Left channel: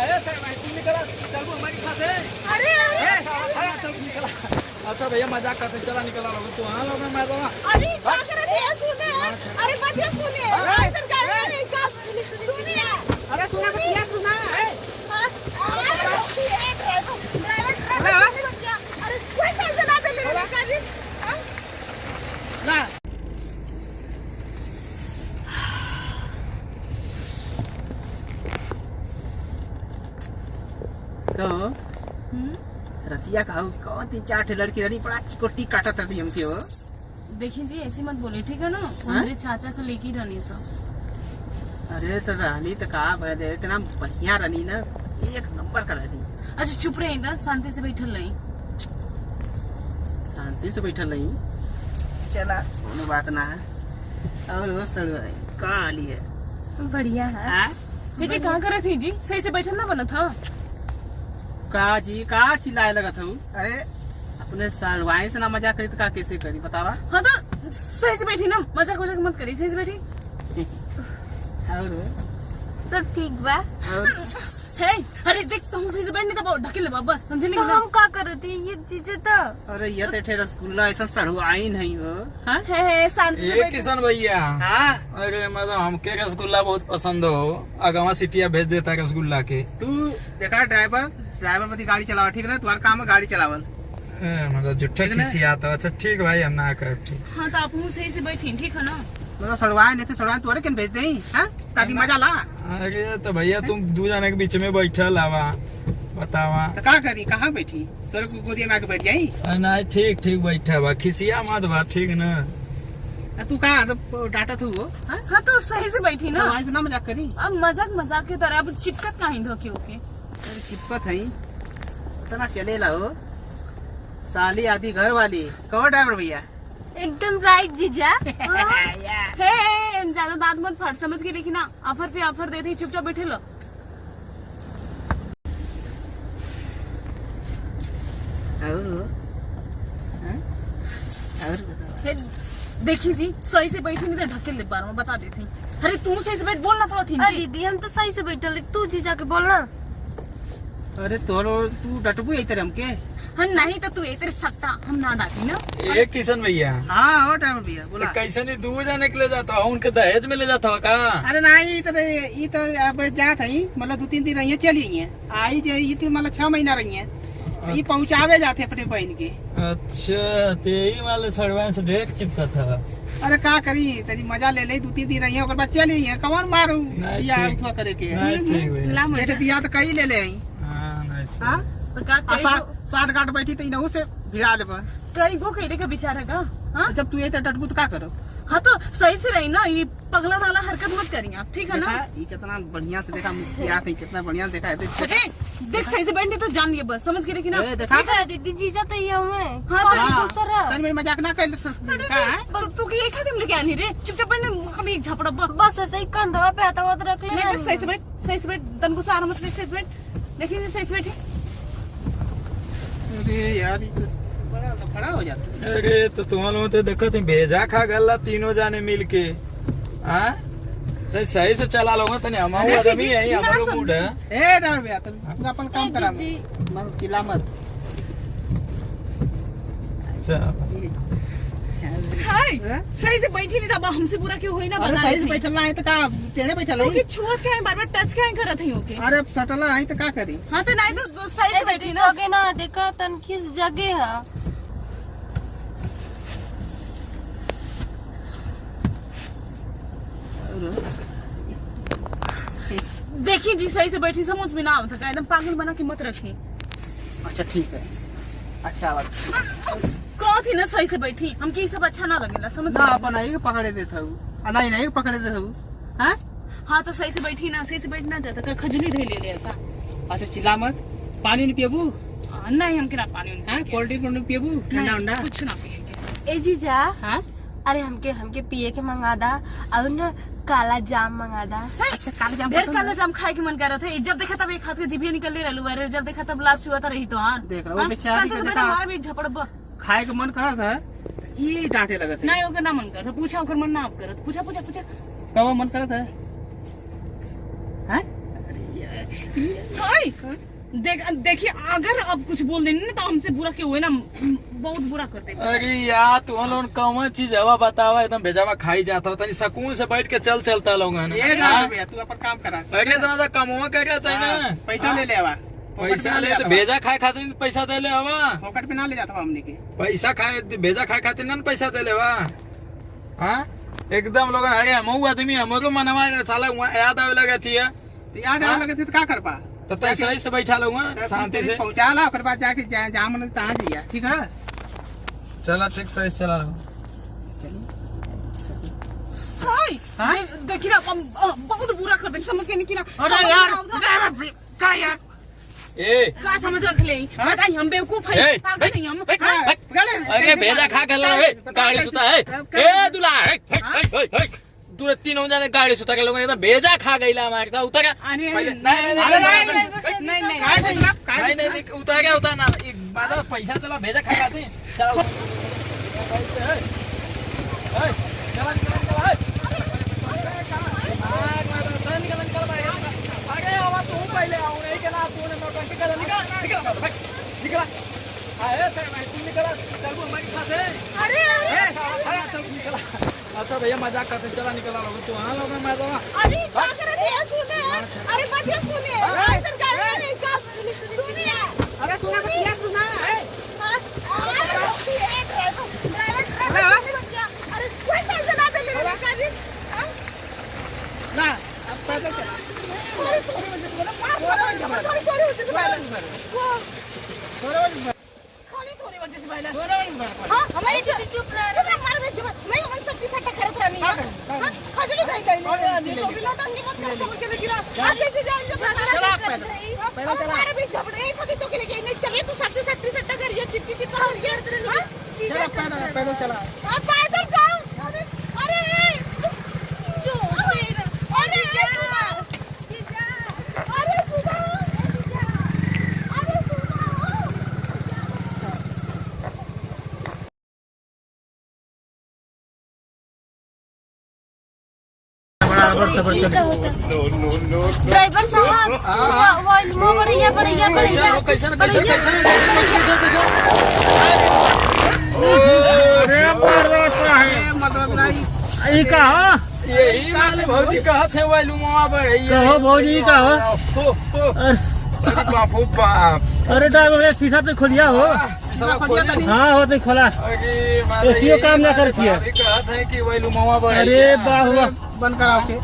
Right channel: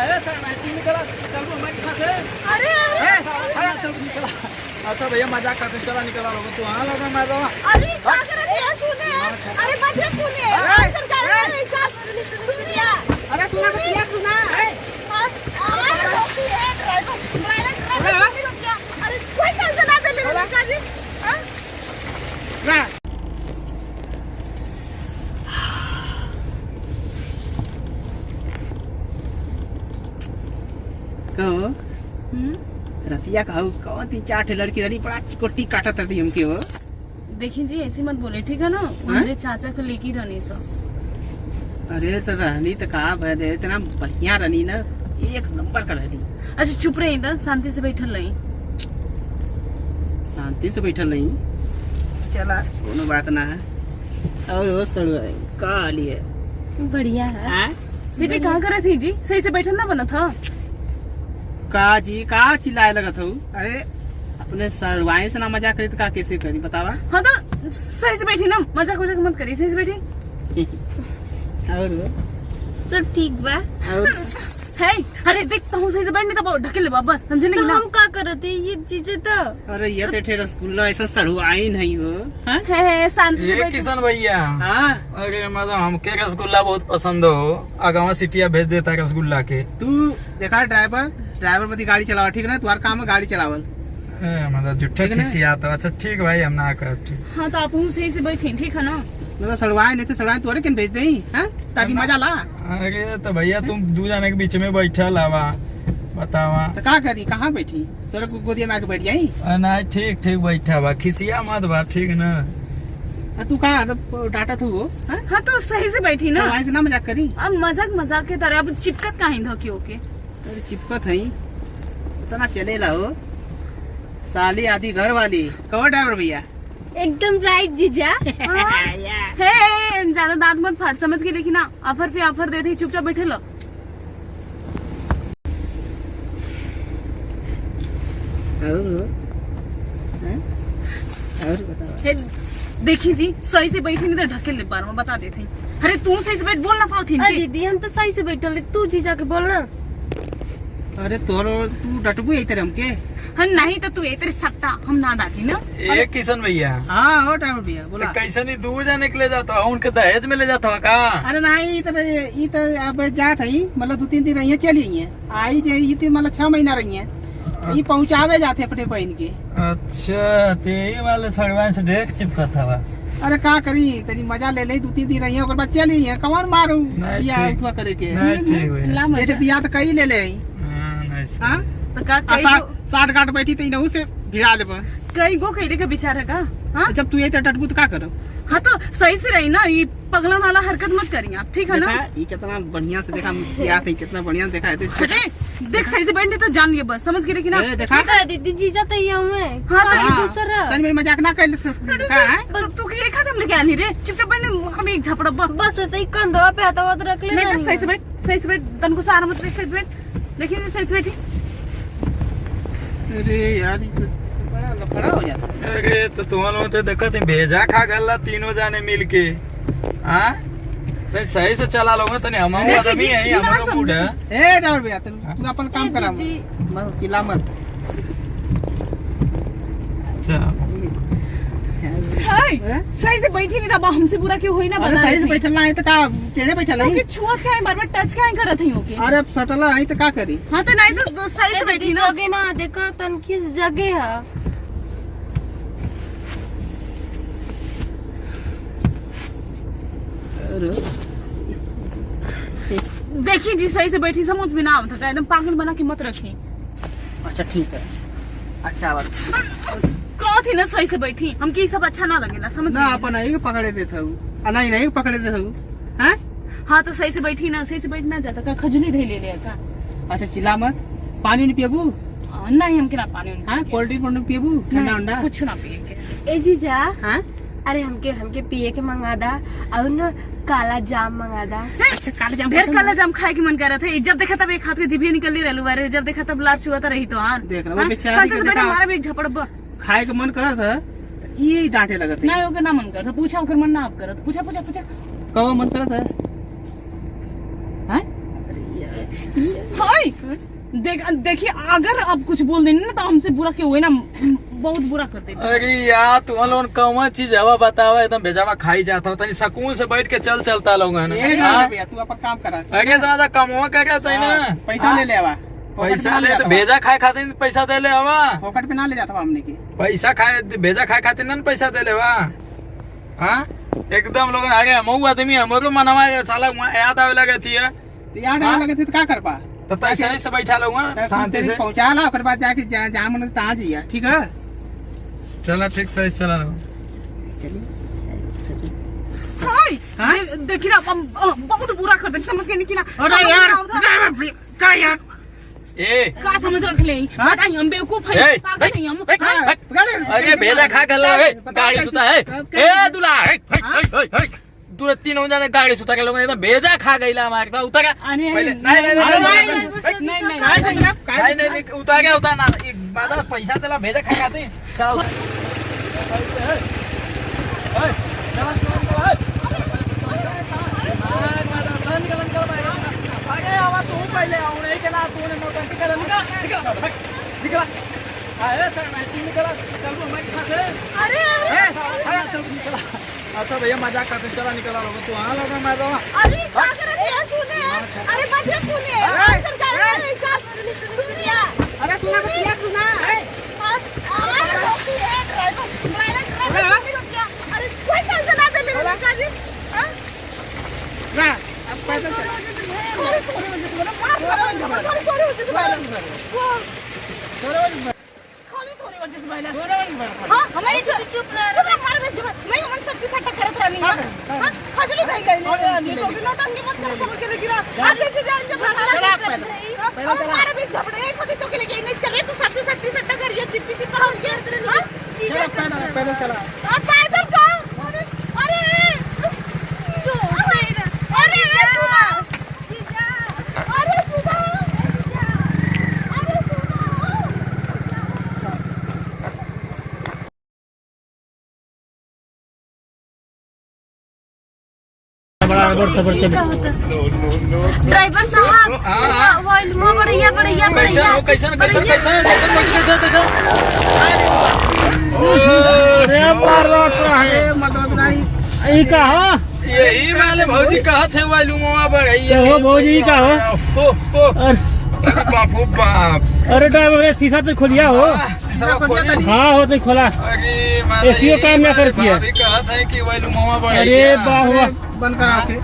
है sir matching निकला चल वो हमारे साथ है। अरे चल निकला। अच्छा भैया मजाक करते चला निकला लोग तू वहाँ लोग मैं रहूँगा। अरे क्या कर रहे हैं सुनिए अरे बच्चे सुनिए अंदर जा रहे हैं सुनिए अरे सुना बतिया सुना अरे कोई टेंशन ना ले लो जी ना कहो रतिया कहू कौन 3-4 ठे लड़की रही बड़ा चिकोटी काटत रही हमके हो। देखिए जी ऐसे मत बोले ठीक है ना मेरे चाचा को लेके रहनी सब। अरे तो रहनी तो कहा भय इतना बढ़िया रहनी ना एक नंबर का रहनी। अच्छा चुप रही इधर शांति से बैठल रही शांति से बैठल रही चला कोनो बात ना है। और वो सड़वाई का लिए बढ़िया है। बेटे कहाँ करे थी जी सही से बैठल ना बना था का जी का चिल्लाए लगत हूँ। अरे अपने सड़वाई से ना मजाक करी तो का कैसे करी बतावा। हाँ तो सही से बैठी ना मजाक वजाक मत करी सही से बैठी। और सब ठीक बा। और है अरे देखता हूँ सही से बैठ नहीं तो बहुत ढकेल बाबा समझे तो नहीं हम का करते ये चीजें तो अरे ये तो ठे रसगुल्ला ऐसा सड़वाई नहीं हो। हाँ है शांति से ये बैठ। किशन भैया हाँ अरे मतलब हमके रसगुल्ला बहुत पसंद हो आगावा सिटिया भेज देता है रसगुल्ला के। तू देखा ड्राइवर बदी गाड़ी चलावा ठीक ना तुम्हारा काम है गाड़ी चलावल। मतलब जुट्ठे ठीक है ना? खिसियाता अच्छा ठीक भाई हम ना करते। हाँ तो आप सही से बैठी ठीक है ना। मतलब सड़वाए नहीं तो सड़वाए तोरे केन भेज देही हैं ताकि मजा ला। अरे तो भैया तुम दो जने के बीच में बैठा लावा बतावा। तो का करी कहाँ बैठी तोरे गोदिया में आके बैठ जाई। ना ठीक ठीक बैठा बा खिसिया मत बा ठीक ना। तू का डाटा तू वो हाँ? हाँ तो सही से बैठी ना। सड़वाई से ना मजाक करी। अब मजाक के तरह अब चिपकत कहीं धोके होके। अरे चिपकत है उतना चले ला हो साली आधी घर वाली कहो ड्राइवर भैया। एकदम राइट जीजा। है ज्यादा दांत मत फाड़ समझ के देखी ना ऑफर पे ऑफर देते ही चुपचाप बैठे लो। और बताओ। देखी जी सही से बैठी नहीं तो ढकेल ले बार में बता देते अरे तुम सही से बैठ बोलना पाओ थी अरे दीदी हम तो सही से बैठल तू जीजा के बोलना। अरे तू डटबू यही तरह हमके। हाँ नहीं तो तू तेरे सकता हम ना डाटी ना। ये किशन भैया हाँ हो ड्राइवर भैया बोला। तो कैसे नहीं दो जने के ले जाता हो उनके दहेज में ले जाता हो का। अरे नहीं ये तो अब जात है मतलब 2-3 दिन रही चली है आई जे ये तो मतलब 6 महीना रही है ये पहुँचावे जाते अपने बहन के। अच्छा तो यही वाले सड़वाइन से ड्रेस चिपका था। अरे का करी तनी मजा ले ले 2-3 दिन रही है बाद चली है कमर मारू नहीं, बियाह ठीक। उठवा करे के। नहीं ठीक भैया ला जैसे मजा बियाह तो कई ले ले हाँ, नहीं सही। हाँ तो का कई गो- 60 गांठ बैठी तो इनहू से भिड़ा देब। कई गो कहने का विचार है का। हाँ जब तू ये तो डटबू तो का करो। हाँ तो सही से रही ना ये पगला वाला हरकत मत करिए आप ठीक है ना। देखा ये कितना बढ़िया से देखा मुस्कुरात है कितना बढ़िया से देखा है तो अरे देख सही से बैठने तो जान लिए बस समझ के देखी ना। देखा देखा दीदी जीजा तो ये हुए हाँ, हाँ, दूसरा तन में मजाक ना कर बस तू के एक हाथ में लेके आनी रे चुपचाप बैठने हम एक झपड़ा बस ऐसे ही कंधवा पे आता हुआ तो रख नहीं तो लेना। सही से बैठ तन को सारा मत सही से बैठ देखिए सही से बैठी। अरे यार ये तो बड़ा लफड़ा हो जाता है। अरे तो तुम लोग तो देखो तुम भेजा खा गल्ला तीनों जाने मिल के। हाँ तो सही से चला लोगे तो नहीं हमारे आदमी है हमारे मूड है। ए ड्राइवर भैया तू अपन काम करा दीदी। मत चिल्ला मत। हाय सही से बैठी नहीं था हमसे बुरा क्यों हुई ना अरे बता सही रही से थी। बैठल है तो का टेढ़े बैठल तो कि है। छुआ क्या है बार टच क्या करत है ओके। अरे सटला है तो का करी। हाँ तो नहीं तो सही से बैठी ना। जगह ना देखा तन किस जगह है। देखिए जी सही से बैठी समझ में ना आवता था एकदम पागल बना के मत रखी। अच्छा ठीक है अच्छा बात कौन थी ना सही से बैठी हमके ये सब अच्छा ना लगेला समझ ना में अपन आई के पकड़े देता हूँ नहीं पकड़े देता हूँ। हैं हाँ तो सही से बैठी ना सही से बैठना चाहता का खजली दे ले का। अच्छा चिल्ला मत पानी नहीं पियबू। नहीं हम ना पानी हाँ कोल्ड ड्रिंक पियबू ठंडा उंडा कुछ ना पिए ए जीजा हाँ अरे हमके पिए के मंगा दा और ना काला जाम मंगा दा। अच्छा काला जाम ढेर पसंद काला है? जाम खाए के मन कर रहे थे जब देखा तब एक हाथ के जीभिया निकल ले रहलू अरे जब देखा तब लार चुआता रही तो हार देख रहा, वो बेचारी को देखा। हमारा भी एक झपड़ खाए के मन करत है ये डांटे लगत है। नहीं होकर ना मन करता पूछा होकर मन ना आप करत पूछा कब मन करत है हैं? अरे यार, हाय देखिए अगर अब कुछ बोल देंगे ना तो हमसे बुरा क्यों हुए ना, बहुत बुरा कर देते। अरे यार तुम लोग कौन चीज हवा बतावा एकदम भेजावा खाई जाता हो तनी सकून से बैठ के चलता लोग है ये ना। ना भैया तू अपन काम करा। अरे ज्यादा कमवा क्या कहते है ना, पैसा ले ले आवा, पैसा ले तो भेजा खाए खातिर पैसा दे ले हवा, पॉकेट पे ना ले जाता हमने के। पैसा खाए भेजा खाए खातिर ना पैसा दे ले बा। हाँ एकदम लोग आगे मऊ आदमी हमारो मनवा साला याद आवे लगे थी तो याद आने लगे थे तो क्या कर पा, तो सही से बैठा लोग शांति से पहुंचा ला, फिर बाद जाके जहाँ मन तहाँ जाइए। ठीक है चला ठीक सही चला रहा हाय देखिए ना बहुत बुरा कर देते, समझ के नहीं ना। अरे यार क्या यार का समझ रख ले बताइए, हम बेवकूफ है पागल नहीं हम। अरे भेजा खा गला गाड़ी सुता है ए दूल्हा तू 3 जाने गाड़ी सुता के लोग एकदम भेजा खा गईला हमारे उतर नहीं उतार ना बाद पैसा देला भेजा खा खाते अरे आवा तू पहले आऊ नहीं के ना तूने नौकरी कर निकल निकला चल हमारे साथ है। अरे चल निकला। अच्छा भैया मजाक करते चला निकला लोग तू हाँ लोग मैं दूंगा। अरे क्या कर रहे हैं सुनिए, अरे बच्चे सुनिए सुनिए, अरे सुना बतिया सुना अरे कोई टेंशन ना ले जी ना अब पैदल चल। हमारी चुप रह। पैदल चला ड्राइवर साहब यही वाले भौजी कहत है वालू भौजी का हो। अरे बापो बाप अरे ड्राइवर शीशा तो खोलिया हो। हाँ हो तो खोला। अरे काम ना करती है। कहत है कि वालू मामा अरे वाह वाह बंद करा के